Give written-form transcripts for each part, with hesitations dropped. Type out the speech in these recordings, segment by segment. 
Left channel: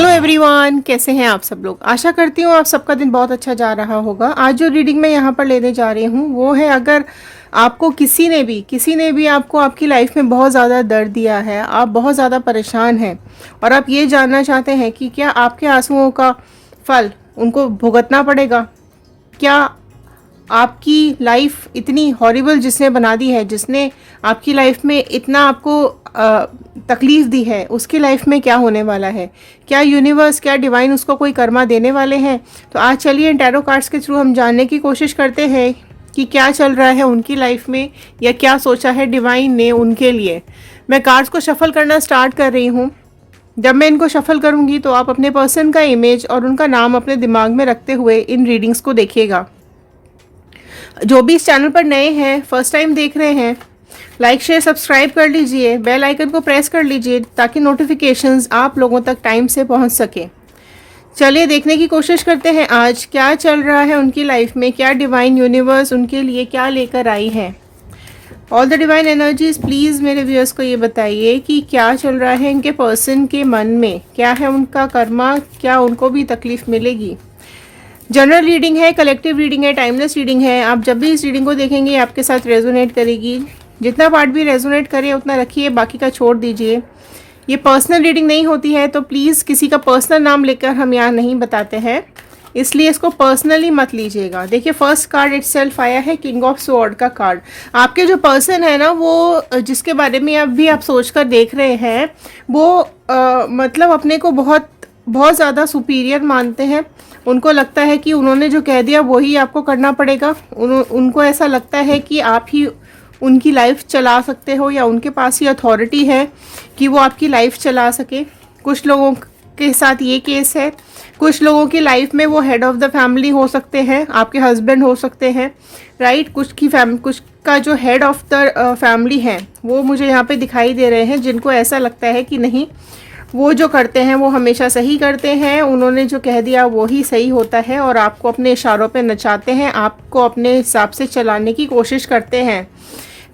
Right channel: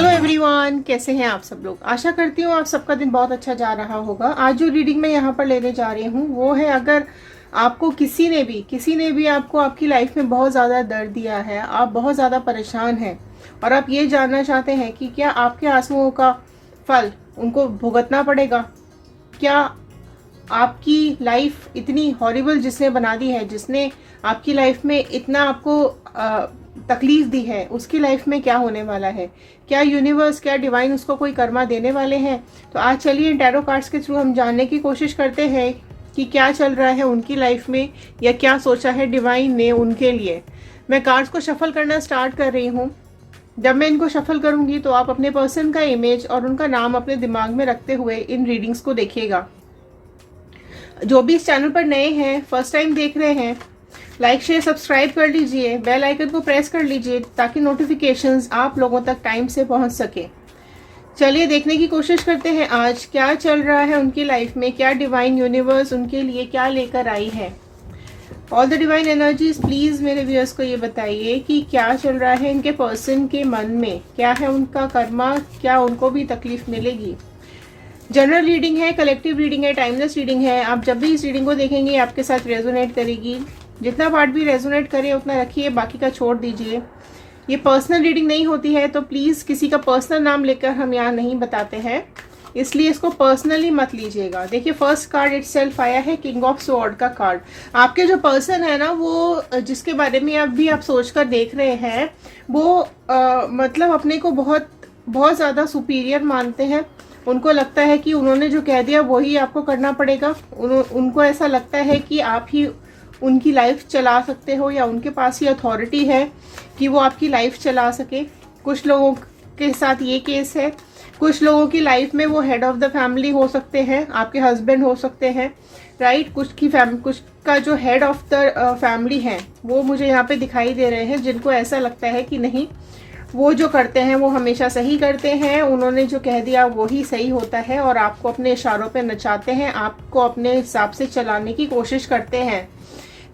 Hello everyone, कैसे हैं आप सब लोग। आशा करती हूँ आप सबका दिन बहुत अच्छा जा रहा होगा। आज जो रीडिंग मैं यहाँ पर लेने जा रही हूँ वो है, अगर आपको किसी ने भी आपको आपकी लाइफ में बहुत ज़्यादा दर्द दिया है, आप बहुत ज़्यादा परेशान हैं और आप ये जानना चाहते हैं कि क्या आपके आंसुओं का फल उनको भुगतना पड़ेगा। क्या आपकी लाइफ इतनी हॉरिबल जिसने बना दी है, जिसने आपकी लाइफ में इतना आपको तकलीफ दी है, उसकी लाइफ में क्या होने वाला है। क्या यूनिवर्स, क्या डिवाइन उसको कोई कर्मा देने वाले हैं। तो आज चलिए टैरो कार्ड्स के थ्रू हम जानने की कोशिश करते हैं कि क्या चल रहा है उनकी लाइफ में, या क्या सोचा है डिवाइन ने उनके लिए। मैं कार्ड्स को शफल करना स्टार्ट कर रही हूँ। जब मैं इनको शफल करूँगी तो आप अपने पर्सन का इमेज और उनका नाम अपने दिमाग में रखते हुए इन रीडिंग्स को देखिएगा। जो भी इस चैनल पर नए हैं, फर्स्ट टाइम देख रहे हैं, लाइक शेयर सब्सक्राइब कर लीजिए, बेल आइकन को प्रेस कर लीजिए ताकि नोटिफिकेशंस आप लोगों तक टाइम से पहुंच सके। चलिए देखने की कोशिश करते हैं आज क्या चल रहा है उनकी लाइफ में, क्या डिवाइन यूनिवर्स उनके लिए क्या लेकर आई है। All the divine energies please मेरे व्यूअर्स को ये बताइए कि क्या चल रहा है इनके पर्सन के मन में, क्या है उनका कर्मा, क्या उनको भी तकलीफ मिलेगी। जनरल रीडिंग है, कलेक्टिव रीडिंग है, टाइमलेस रीडिंग है। आप जब भी इस रीडिंग को देखेंगे आपके साथ रेजोनेट करेगी। जितना पार्ट भी रेजोनेट करे उतना रखिए, बाकी का छोड़ दीजिए। ये पर्सनल रीडिंग नहीं होती है, तो प्लीज़ किसी का पर्सनल नाम लेकर हम यहाँ नहीं बताते हैं, इसलिए इसको पर्सनली मत लीजिएगा। देखिए फर्स्ट कार्ड इटसेल्फ आया है किंग ऑफ स्वॉर्ड का कार्ड। आपके जो पर्सन है ना, वो जिसके बारे में अभी आप सोच कर देख रहे हैं, वो मतलब अपने को बहुत बहुत ज़्यादा सुपीरियर मानते हैं। उनको लगता है कि उन्होंने जो कह दिया वही आपको करना पड़ेगा। उनको ऐसा लगता है कि आप ही उनकी लाइफ चला सकते हो, या उनके पास ही अथॉरिटी है कि वो आपकी लाइफ चला सके। कुछ लोगों के साथ ये केस है। कुछ लोगों की लाइफ में वो हेड ऑफ द फैमिली हो सकते हैं, आपके हस्बैंड हो सकते हैं, राइट। कुछ का जो हेड ऑफ द फैमिली है वो मुझे यहाँ पे दिखाई दे रहे हैं, जिनको ऐसा लगता है कि नहीं, वो जो करते हैं वो हमेशा सही करते हैं, उन्होंने जो कह दिया वो ही सही होता है, और आपको अपने इशारों पे नचाते हैं, आपको अपने हिसाब से चलाने की कोशिश करते हैं।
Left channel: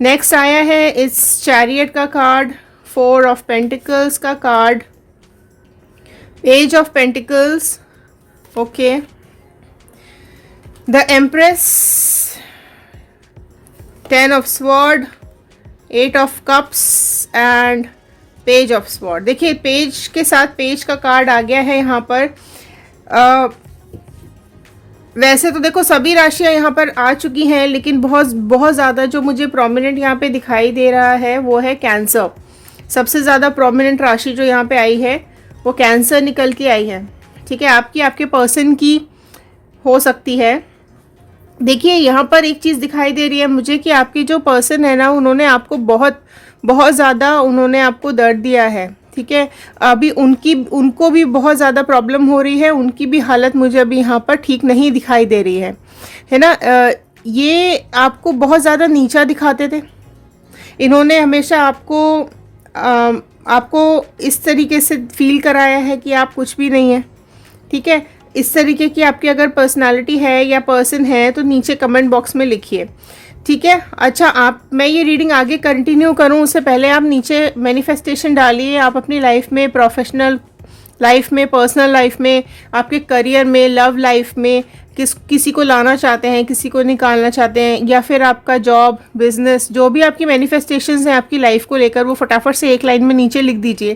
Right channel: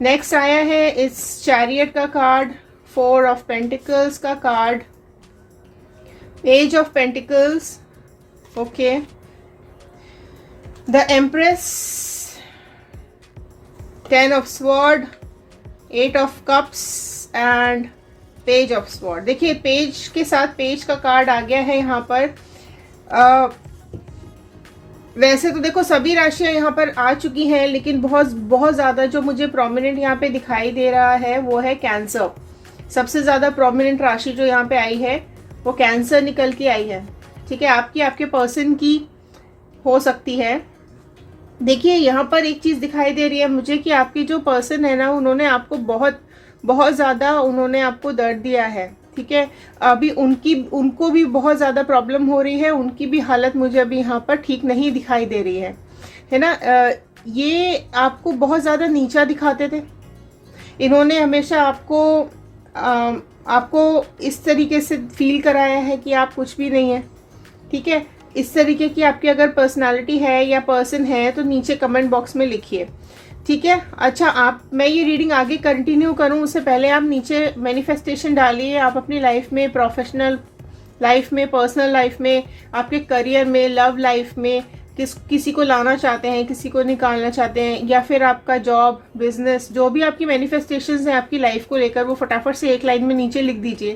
नेक्स्ट आया है इस चैरियट का कार्ड, 4 ऑफ पेंटिकल्स का card, page of pentacles, okay, the empress, 10 of sword, 8 of cups and page of sword. देखिए पेज के साथ पेज का कार्ड आ गया है यहाँ पर। वैसे तो देखो सभी राशियां यहाँ पर आ चुकी हैं, लेकिन बहुत बहुत ज़्यादा जो मुझे प्रोमिनेंट यहाँ पे दिखाई दे रहा है वो है कैंसर। सबसे ज़्यादा प्रोमिनेंट राशि जो यहाँ पे आई है वो कैंसर निकल के आई है। ठीक है, आपके पर्सन की हो सकती है। देखिए यहाँ पर एक चीज़ दिखाई दे रही है मुझे कि आपकी जो पर्सन है ना, उन्होंने आपको बहुत बहुत ज़्यादा उन्होंने आपको दर्द दिया है। ठीक है, अभी उनको भी बहुत ज़्यादा प्रॉब्लम हो रही है, उनकी भी हालत मुझे अभी यहाँ पर ठीक नहीं दिखाई दे रही है ना। ये आपको बहुत ज़्यादा नीचा दिखाते थे। इन्होंने हमेशा आपको इस तरीके से फील कराया है कि आप कुछ भी नहीं है। ठीक है, इस तरीके की आपकी अगर पर्सनालिटी है या पर्सन है तो नीचे कमेंट बॉक्स में लिखिए। ठीक है, अच्छा मैं ये रीडिंग आगे कंटिन्यू करूं उससे पहले आप नीचे मैनिफेस्टेशन डालिए। आप अपनी लाइफ में, प्रोफेशनल लाइफ में, पर्सनल लाइफ में, आपके करियर में, लव लाइफ में किसी को लाना चाहते हैं, किसी को निकालना चाहते हैं, या फिर आपका जॉब, बिजनेस, जो भी आपकी मैनिफेस्टेशंस हैं आपकी लाइफ को लेकर, वो फटाफट से एक लाइन में नीचे लिख दीजिए।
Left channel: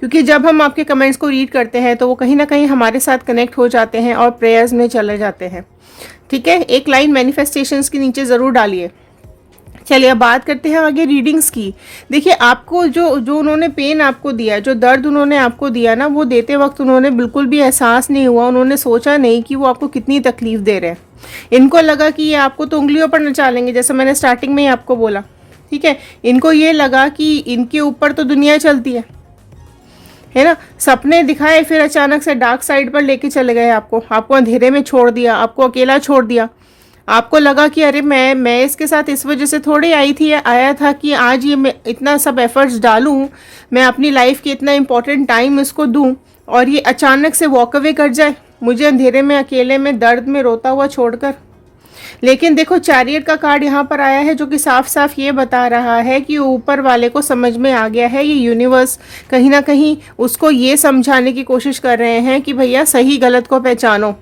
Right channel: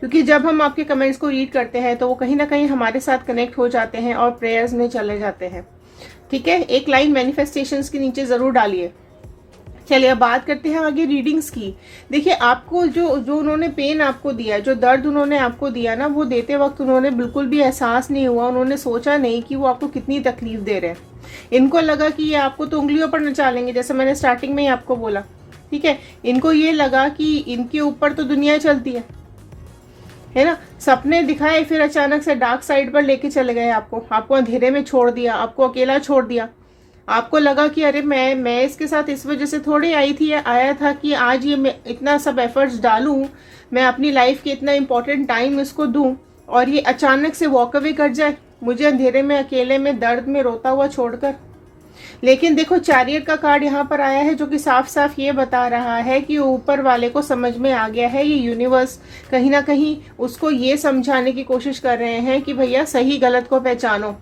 क्योंकि जब हम आपके कमेंट्स को रीड करते हैं तो वो कहीं ना कहीं हमारे साथ कनेक्ट हो जाते हैं और प्रेयर्स में चले जाते हैं। ठीक है, एक लाइन मैनिफेस्टेशंस के नीचे ज़रूर डालिए। चलिए अब बात करते हैं आगे रीडिंग्स की। देखिए आपको जो उन्होंने पेन आपको दिया, जो दर्द उन्होंने आपको दिया ना, वो देते वक्त उन्होंने बिल्कुल भी एहसास नहीं हुआ, उन्होंने सोचा नहीं कि वो आपको कितनी तकलीफ दे रहे हैं। इनको लगा कि ये आपको तो उंगलियों पर नचा लेंगे, जैसे मैंने स्टार्टिंग में ही आपको बोला। ठीक है, इनको ये लगा कि इनके ऊपर तो दुनिया चलती है ना। सपने दिखाए, फिर अचानक से डार्क साइड पर लेके चले गए, आपको अंधेरे में छोड़ दिया, आपको अकेला छोड़ दिया। आपको लगा कि अरे मैं इसके साथ इस वजह से थोड़ी आया था कि आज ये मैं इतना सब एफर्ट्स डालूं, मैं अपनी लाइफ की इतना इम्पोर्टेंट टाइम इसको दूं, और ये अचानक से वॉक अवे कर जाए मुझे अंधेरे में, अकेले में, दर्द में रोता हुआ छोड़कर। लेकिन देखो चैरियट का कार्ड यहाँ पर आया है जो कि साफ साफ ये बता रहा है कि ऊपर वाले को समझ में आ गया है, ये यूनिवर्स कहीं ना कहीं उसको ये समझाने की कोशिश कर रहे हैं कि भैया सही गलत को पहचानो,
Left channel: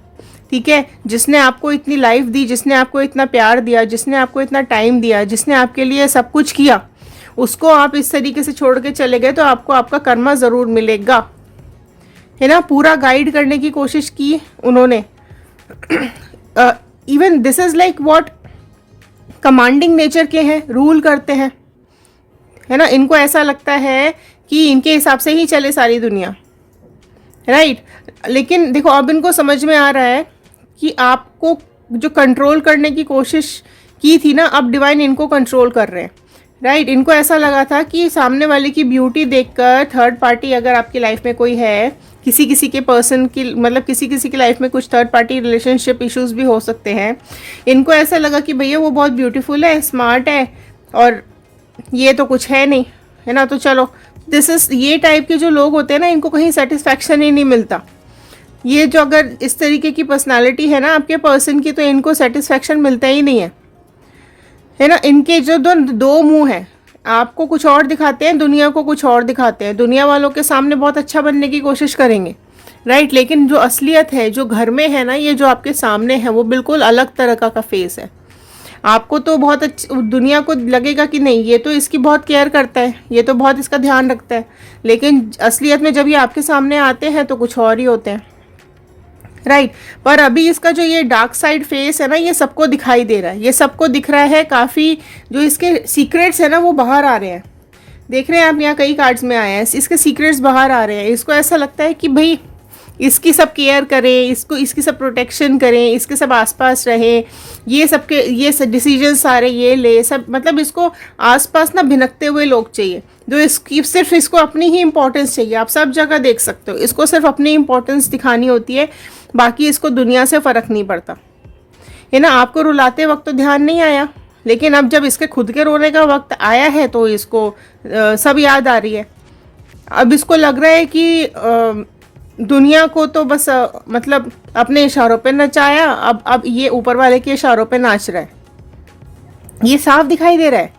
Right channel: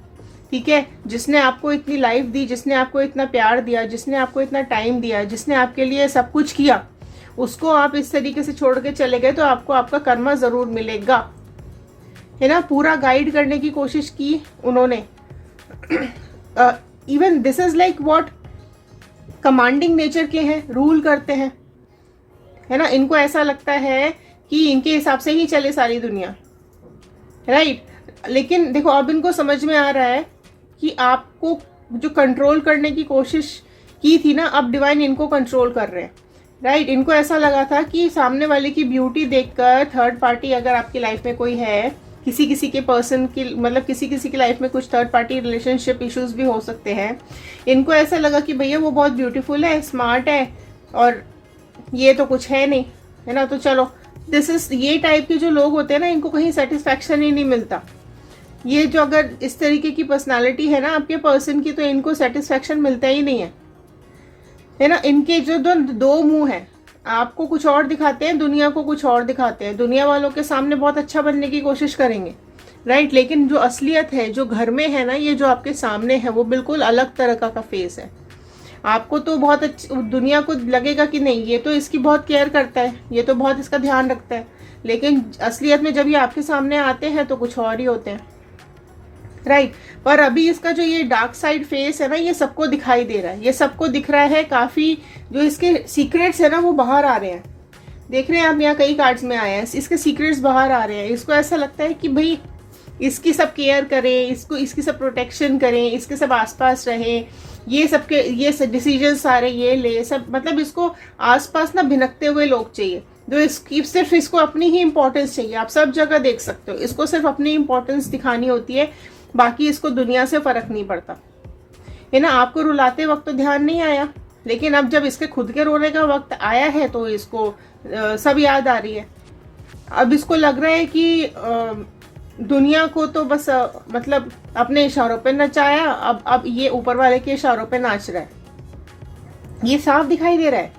ठीक है। जिसने आपको इतनी लाइफ दी, जिसने आपको इतना प्यार दिया, जिसने आपको इतना टाइम दिया, जिसने आपके लिए सब कुछ किया, उसको आप इस तरीके से छोड़ के चले गए तो आपको आपका कर्मा ज़रूर मिलेगा, है ना। पूरा गाइड करने की कोशिश की उन्होंने। Even this is like what commanding nature के हैं, रूल करते हैं, है ना। इनको ऐसा लगता है कि इनके हिसाब से ही चले सारी दुनिया, राइट। लेकिन देखो अब इनको समझ में आ रहा है कि आपको जो कंट्रोल करने की कोशिश की थी ना, अब डिवाइन इनको कंट्रोल कर रहे हैं, राइट। इनको ऐसा लगा था कि सामने वाले की ब्यूटी देखकर थर्ड पार्टी अगर आपकी लाइफ में कोई है, किसी किसी के पर्सन की, मतलब किसी किसी की लाइफ में कुछ थर्ड पार्टी रिलेशनशिप इश्यूज भी हो सकते हैं। इनको ऐसा लगा कि भैया वो बहुत ब्यूटीफुल है, स्मार्ट है, और ये तो कुछ है नहीं, है ना। तो चलो दिस इज, ये टाइप के जो लोग होते हैं ना, इनको कहीं सेटिस्फैक्शन ही नहीं मिलता। ये जो अगर इस तरीके की पर्सनालिटी है ना आपके पर्सन की, तो इनको सेटिस्फैक्शन मिलता ही नहीं है ना। इनके जो दो मुंह हैं, आपको कुछ और दिखाते हैं, दुनिया को कुछ और दिखाते हैं। दुनिया वालों के सामने बहुत अच्छा बनने की कोशिश करेंगे, राइट। लेकिन जो असलियत है, जो घर में है ना, ये जो आपके सामने है, वो बिल्कुल अलग तरह का फेस है। आपको तो बहुत अच्छा, दुनिया को लगेगा कि नहीं ये तो इसकी बहुत केयर करता है, ये तो बहुत इसका ध्यान रखता है, लेकिन असलियत में जब ये आपके सामने आते हैं तो कुछ और ही होते हैं, राइट। पर अभी इसका जो ये डार्क साइड फेस है ना, ये सबको दिखाई दे रहा है, ये सबको दिख रहा है। काफ़ी जो इसके सीक्रेट्स है ना वो बाहर आ रहे हैं। देख रहे हैं आप, यहाँ कई कार्ड्स में आए हैं, इसके सीक्रेट्स बाहर आ रहे हैं। इसको ऐसा लगता है कि भाई इसकी सब केयर करें, इसको इसकी सब प्रोटेक्शन करें, इसके सब आसपास रहे, ये सबके ये डिसीजन सारे ये ले सब, मतलब इसको आसपास ना भिनकते हुए लोग चाहिए, जो इसकी सिर्फ इसको अपनी ही इंपॉर्टेंस चाहिए। आप सब जगह देख सकते हो, इसको सिर्फ अपनी इंपॉर्टेंस दिखानी होती है, बाकी इसको दुनिया से फ़र्क नहीं पड़ता, है ना। आपको रुलाते वक्त तो ध्यान नहीं आया, लेकिन अब जब इसके खुद के रोने का वक्त आया है तो इसको सब याद आ रही है। अब इसको लग रहा है कि दुनिया को तो बस मतलब अपने इशारों पे नचाया, अब ये ऊपर वाले के इशारों पे नाच रहा है, ये साफ दिखाई दे रहा है,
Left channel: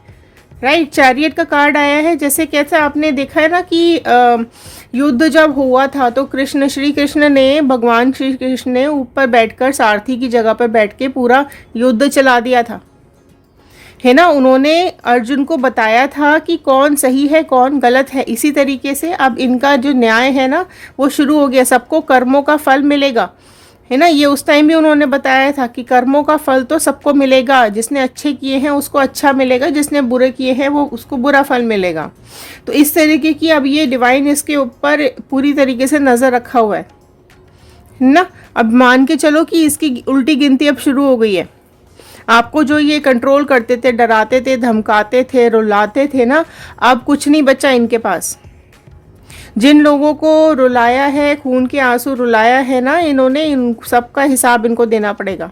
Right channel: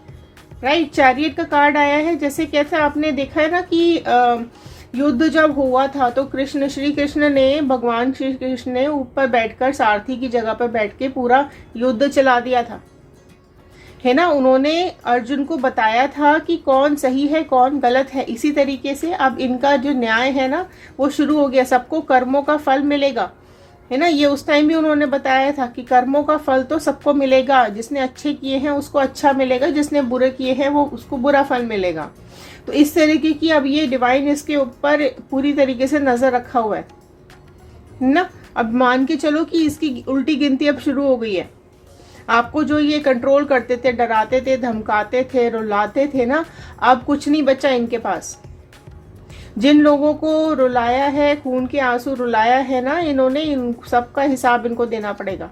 राइट। चैरियट का कार्ड आया है, जैसे कैसे आपने देखा है ना कि युद्ध जब हुआ था तो श्री कृष्ण ने, भगवान श्री कृष्ण ने ऊपर बैठकर सारथी की जगह पर बैठ के पूरा युद्ध चला दिया था, है ना। उन्होंने अर्जुन को बताया था कि कौन सही है कौन गलत है। इसी तरीके से अब इनका जो न्याय है ना वो शुरू हो गया, सबको कर्मों का फल मिलेगा, है ना। ये उस टाइम भी उन्होंने बताया था कि कर्मों का फल तो सबको मिलेगा, जिसने अच्छे किए हैं उसको अच्छा मिलेगा, जिसने बुरे किए हैं वो उसको बुरा फल मिलेगा। तो इस तरीके की अब ये डिवाइन इसके ऊपर पूरी तरीके से नज़र रखा हुआ है ना। अब मान के चलो कि इसकी उल्टी गिनती अब शुरू हो गई है। आपको जो ये कंट्रोल करते थे, डराते थे, धमकाते थे, रुलाते थे ना, अब कुछ नहीं बचा इनके पास। जिन लोगों को रुलाया है, खून के आंसू रुलाया है ना इन्होंने, इन सबका हिसाब इनको देना पड़ेगा।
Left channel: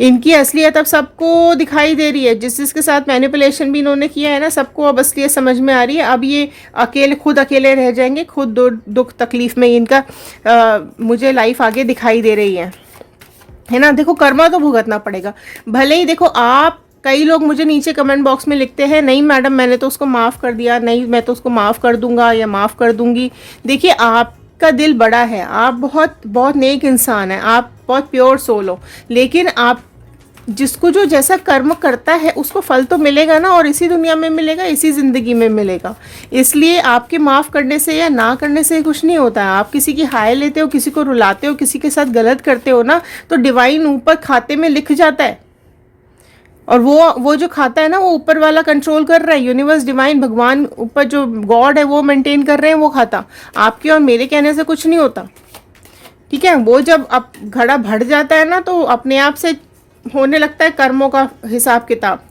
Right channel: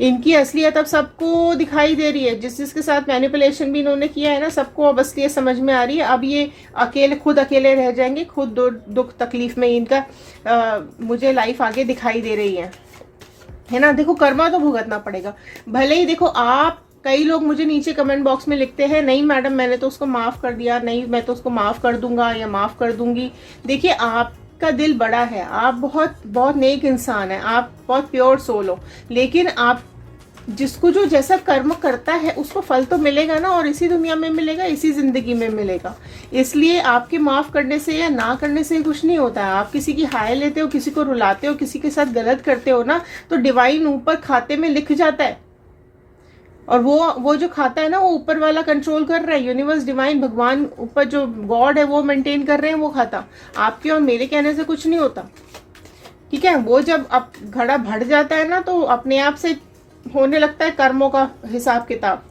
इनकी असलियत अब सबको दिखाई दे रही है, जिसके साथ मैनिपुलेशन भी इन्होंने किया है ना, सबको अब असलियत समझ में आ रही है। अब ये खुद अकेले रह जाएंगे, खुद दुख तकलीफ में इनका मुझे लाइफ आगे दिखाई दे रही है ना। देखो कर्मा तो भुगतना पड़ेगा, भले ही देखो आप, कई लोग मुझे नीचे कमेंट बॉक्स में लिखते हैं नहीं मैडम मैंने तो उसको माफ़ कर दिया, नहीं मैं तो उसको माफ़ कर दूंगा या माफ़ कर दूंगी। देखिए आपका दिल बड़ा है, आप बहुत बहुत नेक इंसान है, आप बहुत प्योर सोल हो, लेकिन आप जिसको जो जैसा कर्म करता है उसको फल तो मिलेगा ना, और इसी दुनिया में मिलेगा, इसी ज़िंदगी में मिलेगा। इसलिए आपके माफ़ करने से या ना करने से कुछ नहीं होता है। आप किसी की हाय लेते हो, किसी को रुलाते हो, किसी के साथ गलत करते हो ना, तो डिवाइन ऊपर खाते में लिख जाता है, और वो जो खाता है ना वो ऊपर वाला कंट्रोल कर रहा है। यूनिवर्स, डिवाइन, भगवान, ऊपर जो गॉड है वो मेंटेन कर रहे हैं वो खाता। आपके और मेरे कहने से कुछ नहीं होता, ठीक है। वो जब अब घड़ा भर जाता है ना तो अपने आप से होने लगता है कर्मों का हिसाब किताब,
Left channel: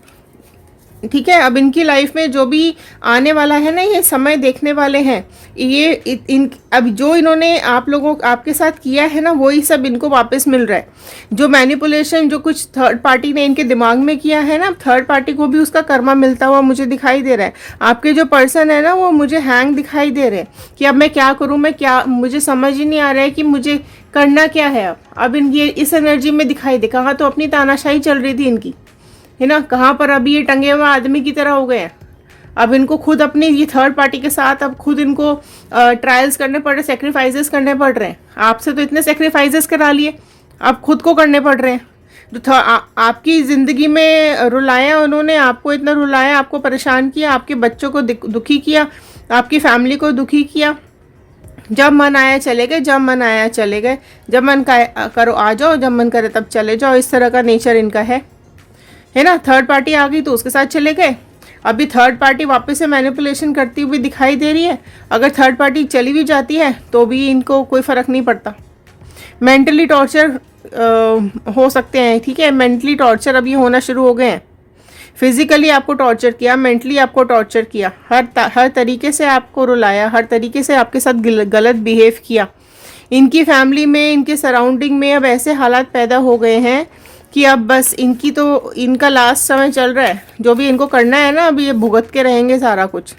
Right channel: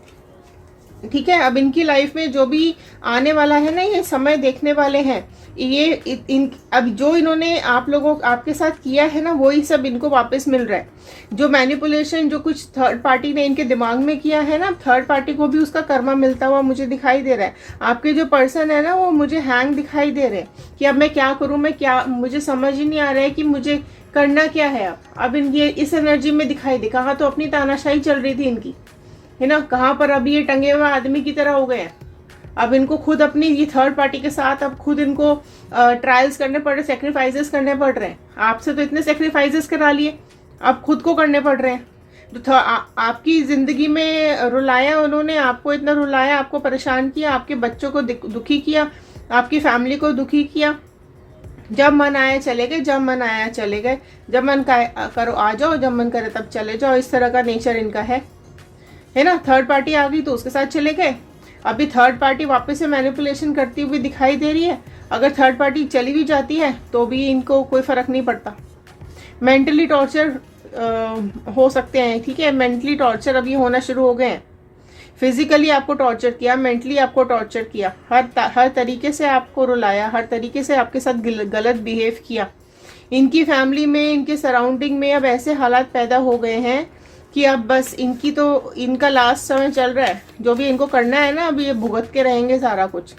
ठीक है, अब इनकी लाइफ में जो भी आने वाला है ना, ये समय देखने वाले हैं। ये इन अब जो इन्होंने आप लोगों आपके साथ किया है ना, वही सब इनको वापस मिल रहा है। जो मैनिपुलेशन जो कुछ थर्ड पार्टी ने इनके दिमाग में किया है ना, थर्ड पार्टी को भी उसका कर्मा मिलता हुआ मुझे दिखाई दे रहा है। आपके जो पर्सन है ना, वो मुझे हैंग दिखाई दे रहे हैं कि अब मैं क्या करूं, मैं क्या, मुझे समझ ही नहीं आ रहा है कि मुझे करना क्या है। अब इन ये इस एनर्जी में दिखाई दे, कहाँ तो अपनी तानाशाही चल रही थी इनकी, है ना, कहाँ पर अभी ये टंगे हुए आदमी की तरह हो गए हैं। अब इनको खुद अपनी ये थर्ड पार्टी के साथ अब खुद इनको ट्रायल्स करने पड़ रहे, सेक्रीफाइसेस करने पड़ रहे हैं। आपसे तो इतने सेक्रीफाइसेस करा लिए, अब खुद को करने पड़ रहे हैं। जो आपकी ज़िंदगी में रुलाया उन्होंने, आपको इतना रुलाया, आपको परेशान किया, आपके बच्चों को दुखी किया, आपकी फैमिली को दुखी किया। जब मन आया चले गए, जब मन आया चले गए, जब मन करो आ जाओ, जब मन करे तब चले जाओ। इस तरह का नेचर इनका है ना। थर्ड पार्टी आ गई तो उसके साथ चले गए। अभी थर्ड पार्टी वापस से मैनिपुलेशन करती हुई दिखाई दे रही है। अगर थर्ड पार्टी चली भी जाती है तो भी इनको कोई फर्क नहीं पड़ता। मेंटली टॉर्चर हो सकते हैं, ठीक है, मेंटली टॉर्चर अभी होना शुरू हो गए हैं। फिजिकली आपको टॉर्चर किया, मेंटली आपको टॉर्चर किया, हर तरीके से आपको रुलाया, हर तरीके से आपके साथ गलत बिहेव किया। इनकी फैमिली में, इनके सराउंडिंग में अब ऐसे हालात पैदा हो गए हैं कि अब बस इनका लास्ट समय चल रहा है। जो भी इनको करना है ना, अभी ये भुगत के रहेंगे सारा कुछ।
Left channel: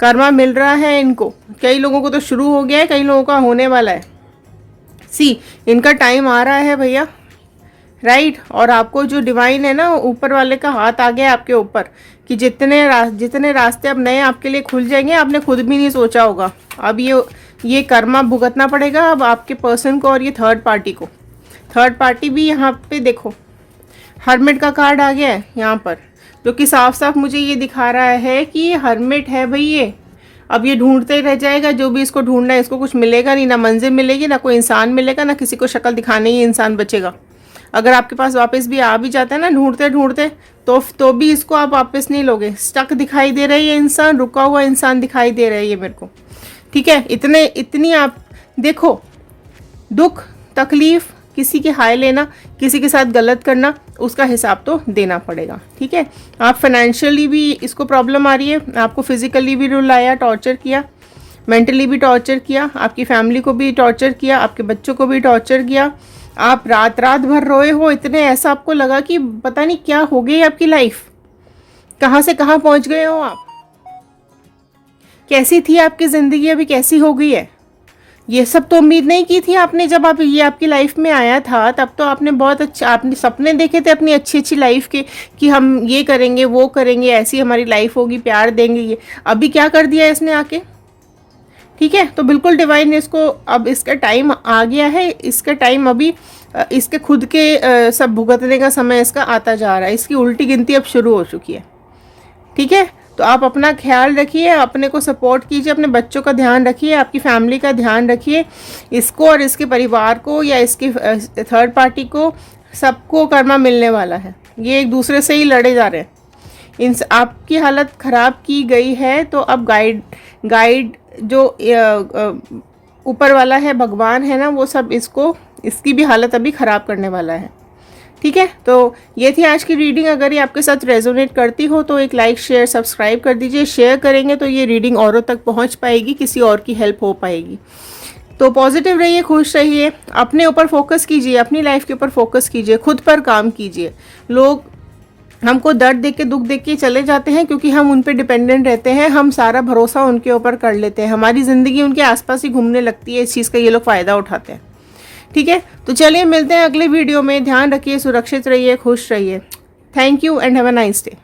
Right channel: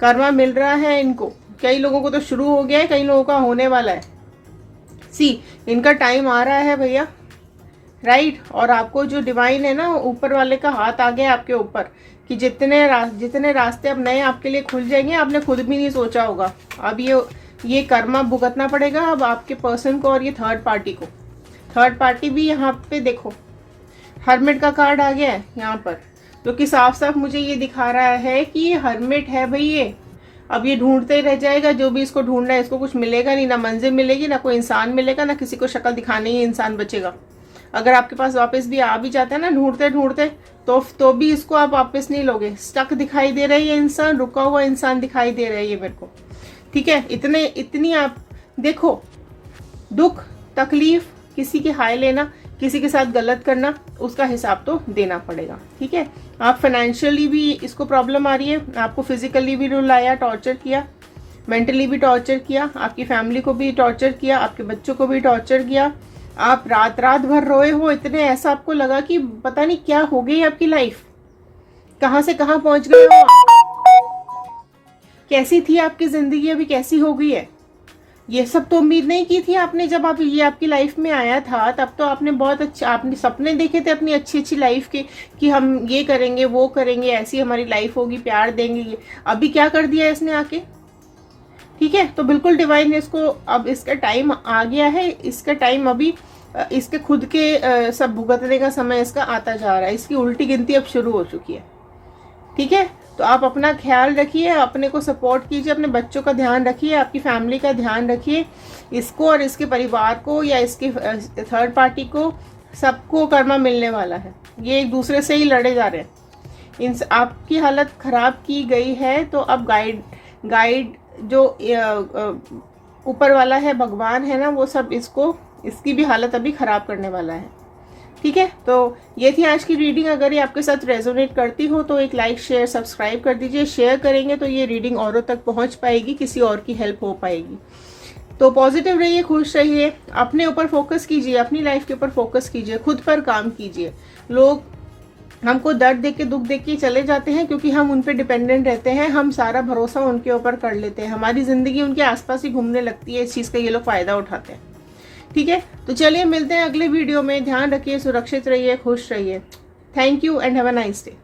कर्मा मिल रहा है इनको। कई लोगों को तो शुरू हो गया है, कई लोगों का होने वाला है। इनका टाइम आ रहा है भैया, राइट। और आपको जो डिवाइन है ना, ऊपर वाले का हाथ आ गया आपके ऊपर कि जितने रास्ते अब नए आपके लिए खुल जाएंगे, आपने खुद भी नहीं सोचा होगा। अब ये कर्मा भुगतना पड़ेगा अब आपके पर्सन को और ये थर्ड पार्टी को। थर्ड पार्टी भी यहाँ पे देखो, हर्मिट का कार्ड आ गया है यहाँ पर, जो कि साफ साफ मुझे ये दिखा रहा है कि ये हर्मिट है भाई। ये अब ये ढूंढते ही रह जाएगा, जो भी इसको ढूंढना है। इसको कुछ मिलेगा नहीं, ना मंजिल मिलेगी, ना कोई इंसान मिलेगा, ना किसी को शक्ल दिखाने ही इंसान बचेगा। अगर आपके पास वापस भी आ भी जाता है ना ढूंढते ढूंढते, तो भी इसको आप वापस नहीं लोगे। स्टक दिखाई दे रहा है ये इंसान, रुका हुआ इंसान दिखाई दे रहा है ये मेरे को, ठीक है। इतनी आप देखो, दुख तकलीफ, किसी की हाय लेना, किसी के साथ गलत करना, उसका हिसाब तो देना पड़ेगा, ठीक है। आप फाइनेंशियली भी इसको प्रॉब्लम आ रही है, आपको फिजिकली भी रुलाया, टॉर्चर किया, मेंटली भी टॉर्चर किया, आपकी फैमिली को भी टॉर्चर किया, आपके बच्चों को भी टॉर्चर किया। आप रात रात भर रोए हो, इतने ऐसा आपको लगा कि पता नहीं क्या हो गई आपकी लाइफ, कहाँ से कहाँ पहुंच गए हो आप। कैसी थी आपकी जिंदगी, अभी कैसी हो गई है। ये सब तो उम्मीद नहीं की थी आपने। जब ये आपकी लाइफ में आया था, तब तो आपने बहुत अच्छा, आपने सपने देखे थे अपनी अच्छी अच्छी लाइफ के कि हम ये करेंगे, वो करेंगे, ऐसी हमारी लाइफ होगी, प्यार देंगे। ये अभी क्या कर दिया इसने आके, ठीक है। तो बिल्कुल डिवाइन इसको, अब इसका टाइम आ गया है, इसका टाइम अभी इसके खुद के सब भुगतने का समय इसका आता जा रहा है। इसकी उल्टी गिनती अब शुरू हो चुकी है, ठीक है। तो आप अपना ख्याल रखिए, अपने को सपोर्ट कीजिए, अपने बच्चों का ध्यान रखिए, आपकी फैमिली का ध्यान रखिए। इसको और इसके परिवार को या इसके थर्ड पार्टी को, सबको कर्मा मिलने वाला है। ये एक दूसरे से ही लड़े जा रहे हैं। आपकी हालत खराब की गई है, तो अब गाइड जो ऊपर वाला है, भगवान है ना, वो सब इसकी भी हालत अभी ख़राब करने वाला है, ठीक है। तो ये थी आज की रीडिंग। अगर ये आपके साथ रेजोनेट करती हो तो एक लाइक शेयर सब्सक्राइब कर दीजिए। शेयर करेंगे तो ये रीडिंग औरों तक पहुंच पाएगी, किसी और की हेल्प हो पाएगी। तो पॉजिटिव रहिए, खुश रहिए, अपने ऊपर फोकस कीजिए, अपनी लाइफ के ऊपर फोकस कीजिए, खुद पर काम कीजिए। लोग हमको दर्द देख के, दुख देख के चले जाते हैं क्योंकि हम उन पे डिपेंडेंट रहते हैं। हम सारा भरोसा उनके ऊपर कर लेते हैं, हमारी ज़िंदगी उनके आसपास ही घूमने लगती है। इस चीज़ का ये लोग फ़ायदा उठाते हैं, ठीक है। तो चलिए मिलते हैं अगले वीडियो में। ध्यान रखिए, सुरक्षित रहिए, खुश रहिए। Thank you and have a nice day.